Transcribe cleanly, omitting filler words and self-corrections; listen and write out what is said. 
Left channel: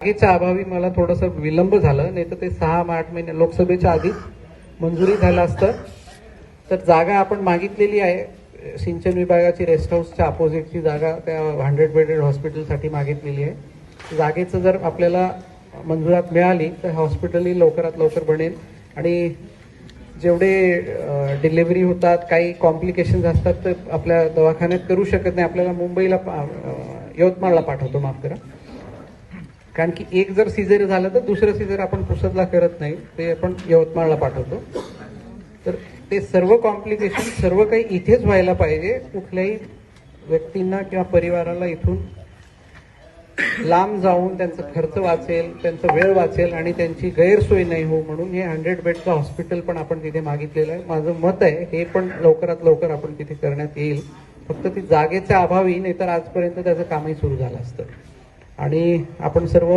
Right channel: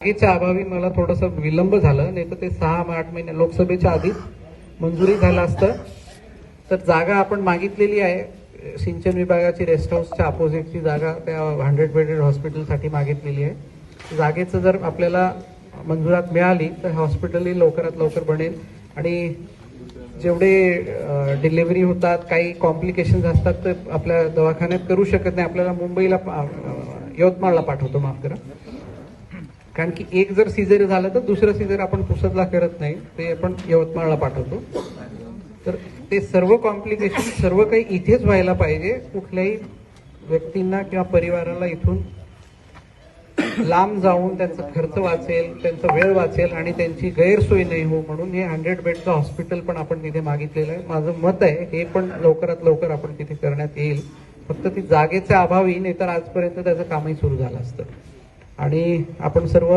जागेच्या अभावी मला थोडंसं विलंब झालं, नाही तर ते 6-8 महिने लोकसभेच्या आधीच मंजुरी झालं असतं. तर जागा आपण मागितलेली आहे, सिंचन विभागाची रेस्ट हाऊसच्या अपोजिटची जागा त्या 100 बेडेड हॉस्पिटलसाठी मागितलेली आहे. जागेचं जर आपल्याला मंजुरात मिळाली तर हॉस्पिटलही लवकरात लवकर बनेल आणि जेवढे डिलिव्हरी होतात, काही कॉम्प्लिकेशन्स असतात तर आपल्या दवाखान्यात करू शकत नाही, आपल्याला मुंबईला यवतमाळला पाठवतो, माफ करा. कारण की एक जर सिजर झालं तर दुसरं सिजर आपण पुसदला करत नाही, ते आपण यवतमाळला पाठवतो. तर ते सर्व कॉम्प्लिकेशन सर्व काही इथेच व्हायला पाहिजे. कुठल्याही व्यक्तींना किंवा परिवाराला इथून लांब जाऊन त्यांचा खर्च वाचेल, त्यांचा वेळ वाचेल आणि त्यांची गैरसोय नाही हो म्हणून हे 100 बेडचं हॉस्पिटल पण आपण तिथे मागितलेलं आहे. माझं मत आहे हे पण लवकरात लवकर आपण तिथे करण्यात येईल. फक्त ती जागेच्या अभावी, नाही तर आजपर्यंत त्याचं कामही सुरू झालं असतं. आणि आपण सर्व